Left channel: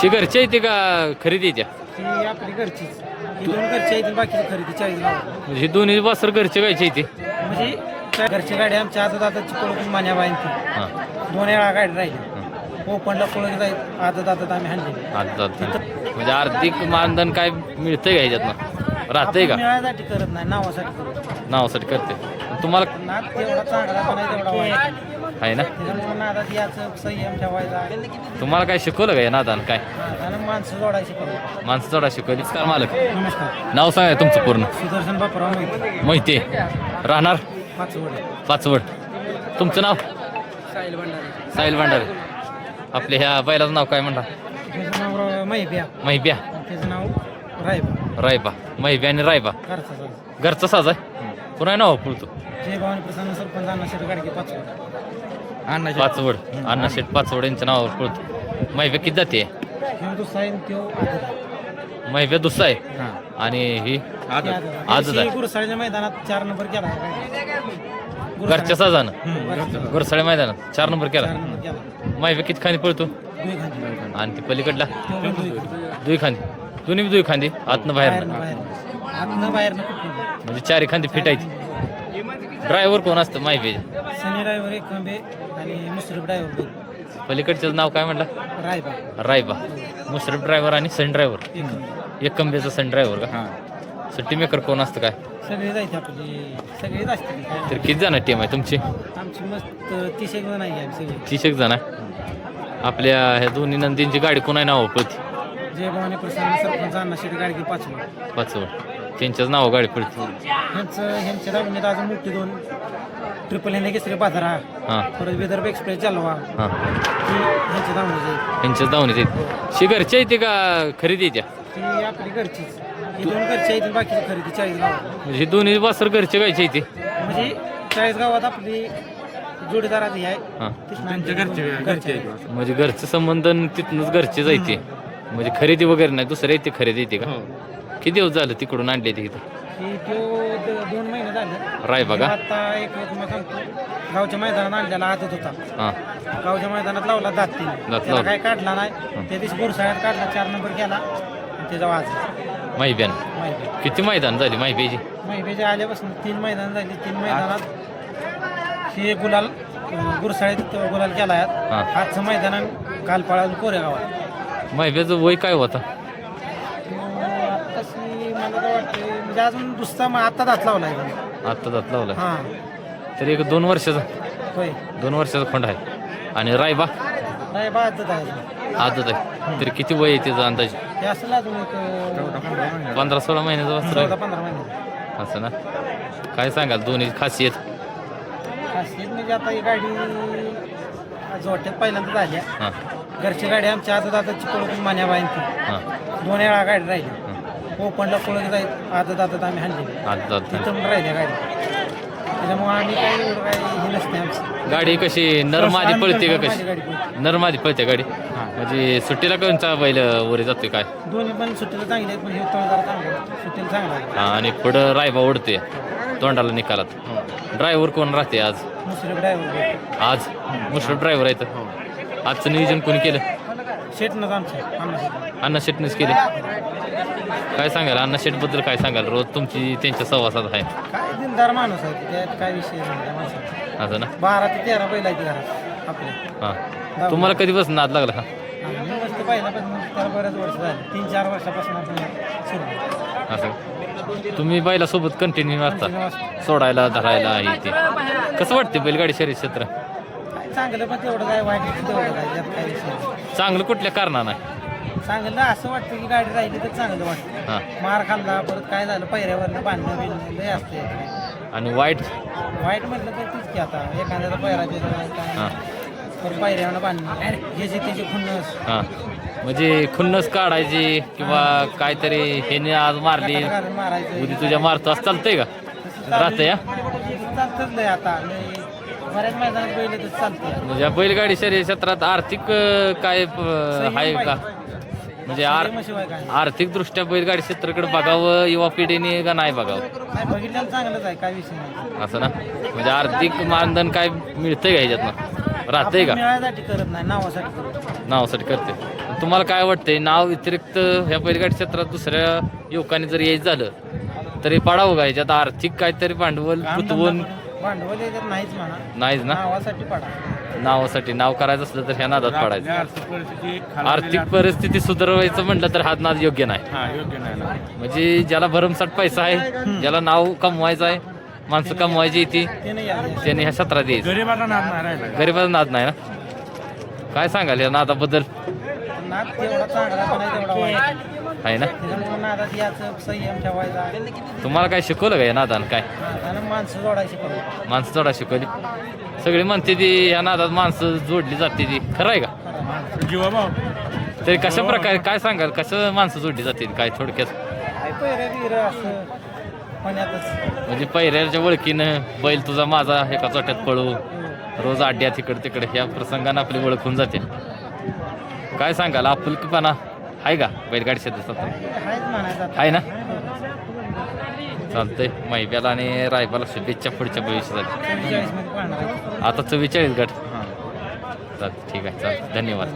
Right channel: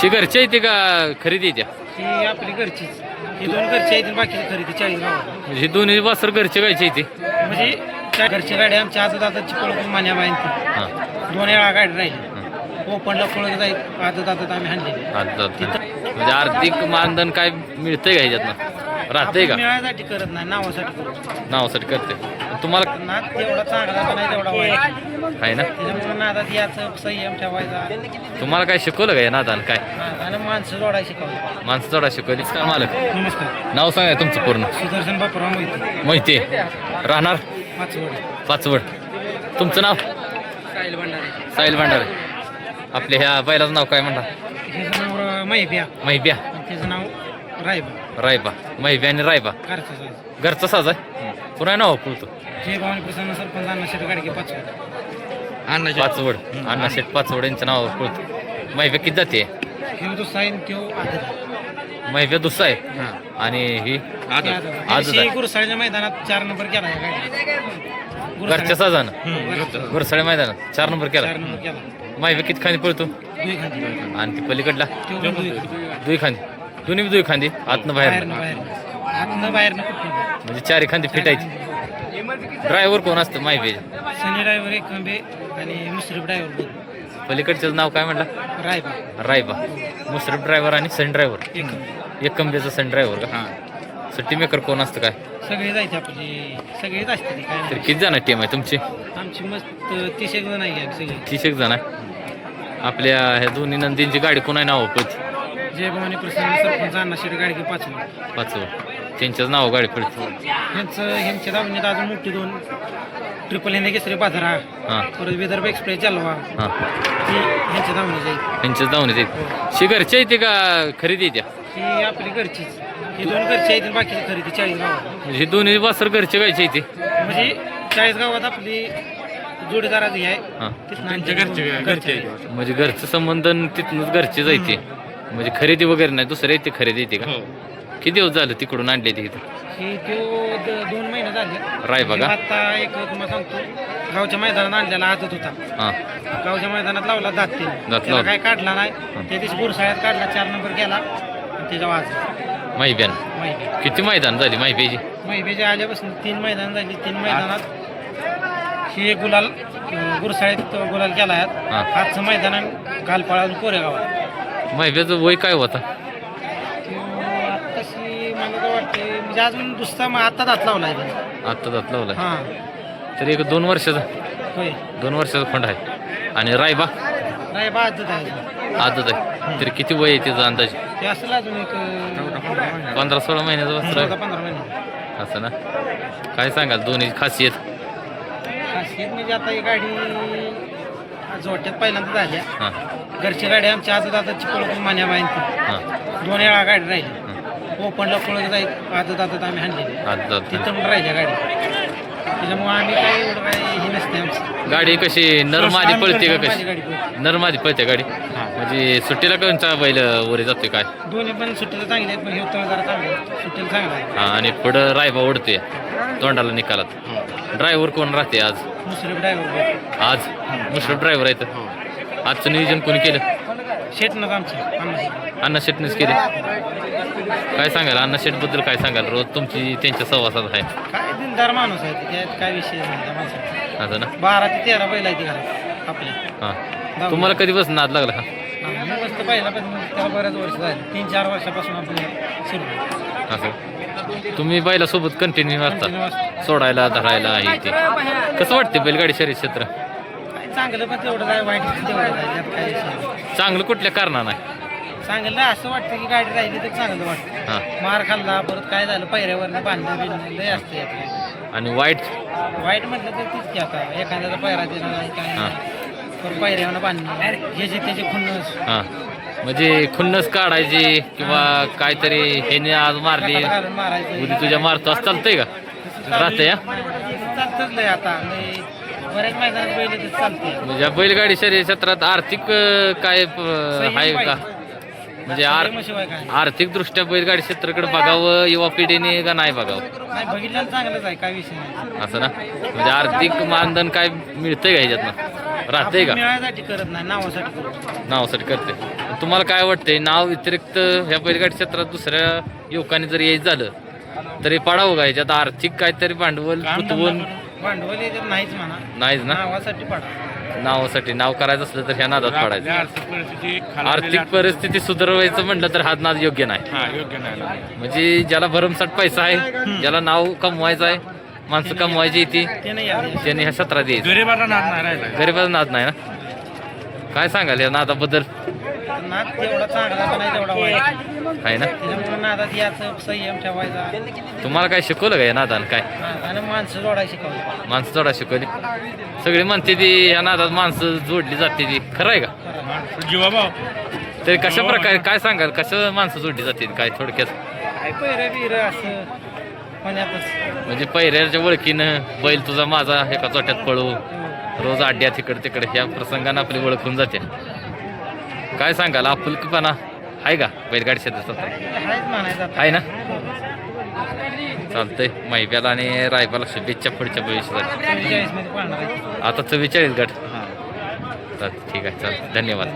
शी घरच्या येते का खरेदीच्या? ही आपली घरचीच. ही दोन घरची आहेत आणि बाकीची खरेदी 40 गावात. म्हणजे हे दोन्ही वासर घरचे गायचे येते. म्हणजे घरची गाडी आमच्या आजत आताची पळत मान्या बाईंची हां 2 वेळा गाडी राहिली. ओपनला पळत जाईल आजत आम्ही हाणलेली. म्हणजे आर्थिक मानधन काय मिळतंय का ह्याच्यातनं? राहतंय का? मिळायसाठी करत नाही, नावासाठी करतो. नावासाठी करते तुम्हाला नाद तेवढा चांगला पण आहे तेवढा वाईट आहे ना? त्याच्यामुळे नादात याचं संयम ठेवायचा. तुम्हाला काय शिकवलं का या नादान? काय नादानं माणसं जोडायला शिकवलं. माणसं जोडा शिकवली का मालक? नमस्कार. नाव सांगा तुमचं पूर्ण. सुदर्शन बापराव मोहिते, माहिती आहे. राहणार पाचवड. पाचवड. तुमचं नाव? साहिल भंडारे. साहिल भांडारे. आपल्या ह्या बैलाचं नाव काय म्हणता? त्याचं नाव महिब्या महिब्या आणि त्याचं नाव रायबा. रायबा. महिब्या आणि रायबा घरचा साज. घरचा साज आहे. पुन्हा नाव बोलतो जय भवानी प्रसन्न सरपंच अण्णा शेट गाडगे पाचवड. पाचवड. अण्णा शेठ पाचवड यांचं नाव बोलतो. महिब्या किती जाते? हे तो साईन त्यो आदत. महिब्या दुसरा आहे आणि ही आजच आहे. गुरुसाळीच्या मैदानात 4 नंबर केला आहे गाडी. घरच्या साजानं गुरुसाळी गुरसाळ्या मैदानात 4 नंबर केला. 4 नंबर केला. महिब्या किती खांदी पळतो? दुई खांदी. आणि ती पलीकडला तो पण दुई खांदी. दुई खांदी. दोन्ही बी दुई खांदी आतनं बाहेर बाहेरनं आतनं बाहेरनं कुठं. म्हणजे 4 खांदी फिटायची. ड्रायव्हर कोण असतं माहिती? सनी ड्रायव्हर एक खंबे आणि मुश्रीफ ड्रायव्हर दोन. पलीकडचं नाव काय म्हटलं? रायबा रायबा. मुश्रीफ ड्रायव्हर आणि सन ड्रायव्हर. एक खंबे. एक कंबेचा सन ड्रायव्हर का? सुट्टी मेकर कोण असतं काय? सगळे जायचे आपली सगळेच असते ती काय तर किती जण टीम आहे तुमची? आमची मस्त 30 एक जण आहे आम्ही सगळे. 30 एक जण आहे. आपल्या ह्या दोन्ही नंदींची गाडी कोण आहे नाव पडते? जय भवानी प्रसन्न सरपंच अण्णा शेट गाडगे पाचवड. पाचवड. त्यांच्याच नाव गाडी पडते. ह्यांच्या दावणीत अजून मोठी 2 ट्रिपल हिंदी केसरी बाजारा. हां परत विदर्भ एक्सप्रेस चालवा हां ती ह्यांच्या दावणीची आहे. त्यांच्याच धावण्यात येते. शी घरच्या येते का खरेदीच्या? ही आपली घरचीच. ही 2 घरची आहेत आणि बाकीची खरेदी 40 गावात. म्हणजे हे दोन्ही वासर घरचे गायचे येते. म्हणजे 40 गावात आपली जोडीदाराची आहे. हां तिथं घरचे म्हणजे घरचं संबंधन तिथनंच घरचे जायचे. म्हणजे खरेदी वगैरे नाही दुसऱ्या येते खरेदी येते का? किती दिवस झालं तिकडून आणले ते इथं? ही तो 2 महिने झाले. रायबा का? आता एक तुम्हाला सांगतो गावच्या मैदानात आणलेला आदत होता. हां गावच्या मैदानात लावला दात 3. लावला. त्याला काय काढला नाही. त्या दिवशी गुरसाळ्यात काढला 4 नंबर केला आणि त्याच्या वाज माहिब्यान माहिती किती मैदान झाली माहिब्याची? माहितीच्या आल्यापासून 3 मैदान झाली. 3 मैदानात ही एक गुलाल गुरसाळ्यात गुलाल केला आहे. हां आजचं मैदान आणि काल पळालं कोरेगावात. माहिब्याचं वय काय होता? तशी मला तर वाटते म्हणजे अजून दुसरा मग आता दात लावला आहे. आत्ता जात लावलाय हां तरी एक 2 वर्षाचा होय 2 वर्षाचा खंड आहे. आणि रायबा रायबा आदत आहे. आदत आहे. तरी किती वय आहे त्याचा अंदाज? ते असेल अजून एक 15-16 महिन्याचं वस्त्र आहे 14-15 महिने. असं ना? काय सांगाल दोन्ही खासियत? खासियत म्हणजे आता ही गाडी जोट्यात पहिल्यांदा झाल्या. हां घरची गाडी आमच्या आजत आताची पळत मान्या बाईंची हां 2 वेळा गाडी राहिली. हां ओपनला पळत जाईल आदत आम्ही हाणलेली. आदत. तिथं पण राहिल्या गाडी. त्याच्यामुळे आम्ही काही एवढं काही हे नसते आमचं. गाडी कशी नरमादी पळते का माझी कशी? गाडी पळते. नरमादी पळते गाडी. म्हणजे सुट्टीला कोणता बैल वरे जातोय काय? दोन्ही पण सुट्टीला चांगले आहेत पण हे तळ जरा चांगलं आहे. सुट्टीला चांगला आहे. हां आणि पुढं रायबा ओढतोय तोंडाला निकालात. ड्रायव्हर कोण राहते आज? मुश्रीफ ड्रायव्हर आज मुश्रीफ ड्रायव्हर आहेत. आजचं नियोजन कोणी केलं? शेटनंच आमच्या अण्णा शेटनेच केले. काय सांगाल अण्णा शेटबद्दल? काय सांगाल? रोज तुमची त्यांच्या सहवासात आहे. काय दिनदार माणूस आहे ते, त्यात काय विषय नाही त्या माणसाचा. असं ना? 12 ते 13 बैल आहे ती घरात आपले. हां तुम्हाला कधीपासून नाद लागला का? आम्ही मस्त पहिल्यापासून त्याला बऱ्याच वर्ष झाले. 3-4 वर्षापासून आपण सुरू असं तुम्ही बैलासोबत कंटिन्यू असता कंटिन्यू असतो. सोडायला धरायला हे ते कसं वाटते बैलगाडी शर्यत क्षेत्र? काय चांगलं पण तेवढं आहे वाईट तेवढं आहे त्यात काय विषय नाही. चांगलं कुठल्या कारणानं आहे? चांगलं असं वाटतं की गाडी राहिली तर चांगलं वाटतं. हां मार खाल्ला परत काय झालं पहिऱ्यावरनं बांधणं बिणणं लय असतं यात. आणि वाईट? वाईट म्हटलं तर तीच की आता एखाद्याचा पहिरा दिला नाही काय हां नाही. परत पहिऱ्यावरनं बांधणं ह्याचे त्याचे खुन्नस हां म्हणजे खुन्नस काढायची किंवा काहीतरी ह्याने आज मारली हातात घालून मारायचं. उदी तुझ्या मारतो असं चालतंय का? राहतंय या चालतंच लय आता लय बऱ्याच मैदानात बैल तर चालते. म्हणजे बैलगाडी शर्यत क्षेत्रात आर्थिक काय आहे का? म्हणजे शिवाय काय आर्थिक दृष्ट्या बैलगाडी क्षेत्राकडे बघावं युवा पिढीने का नाही बघावं? नाही बघितल्याला चांगलंच आहे काय विषय नाही. असं ना? म्हणजे आर्थिक मानधन काय मिळतंय का ह्याच्यातनं? राहतंय का? आपण मिळायसाठी करत नाही, नावासाठी करतो. नावासाठी करते. तुम्हाला काय वाटतंय नाव व्यतिरिक्त ह्या बैलगाडी क्षेत्रात दुसऱ्या युवकांनी जर यायचं झालं तरी पाडावं का याच्यात आर्थिक काहीतरी भांडवल गुंतवून? भांडवल याच्यात नाहीच म्हणा, नाहीच ना. नावासाठी पडा. नावासाठी नाव करायचं असलं तर ह्या नादात पडायचं. आर्थिक परिस्थिती आर्थिक परिस्थिती सुधारवायचं म्हटलं तर हा नाद योग्य नाही. योग्य नाही. म्हणजे ज्याला भरमसाठ पैसा आहे, ज्याला नाव कमवायचं आहे, माणसं कमवायची ती, ते नाही यायचं. त्याने ह्या सत्रात यायचं. गरीबाला नाद नाही राहिला. गरीबाचा नाद नाही ना. काय सांगाल या नादाबद्दल? नाद तेवढा चांगला पण नाही तेवढा वाईट. आहे ना. त्याच्यामुळे नादात याचं संयम ठेवायचा. तुम्हाला काय शिकवलं का या नादानं? काय नादानं माणसं जोडायला शिकवली. माणसं जोडा शिकवली? सगळे म्हणते ती या नादात माणसं जोडली जाते ती, खरं आहे का? जीवाभाव तरी कशा प्रकारे काय सांगाल, कसं माणसं जोडली जाते काय थोडक्यात? काय पहिरं बिरं असं पुण्यातच. म्हणजे पहिऱ्याच्या ओळखीनं बैल तुझा माझा एका चोट्यात पळू, रोज अड्ड्यात इकडे तिकडे ह्या प्रसंगानं आपली ओळख होऊन जाते. काय सांगाल, आपुलकीपणा आहे का बैलगाडी क्षेत्रात? आहेच म्हणायचं आता. आहे ना. चालतंय. महिब्याला आणि रायबाला शुभेच्छा पुढच्या भविष्यासाठी. 44 मध्ये पाहणार आहे. आता 44 गट. चालतं, ठीक आहे, चालतं, धन्यवाद.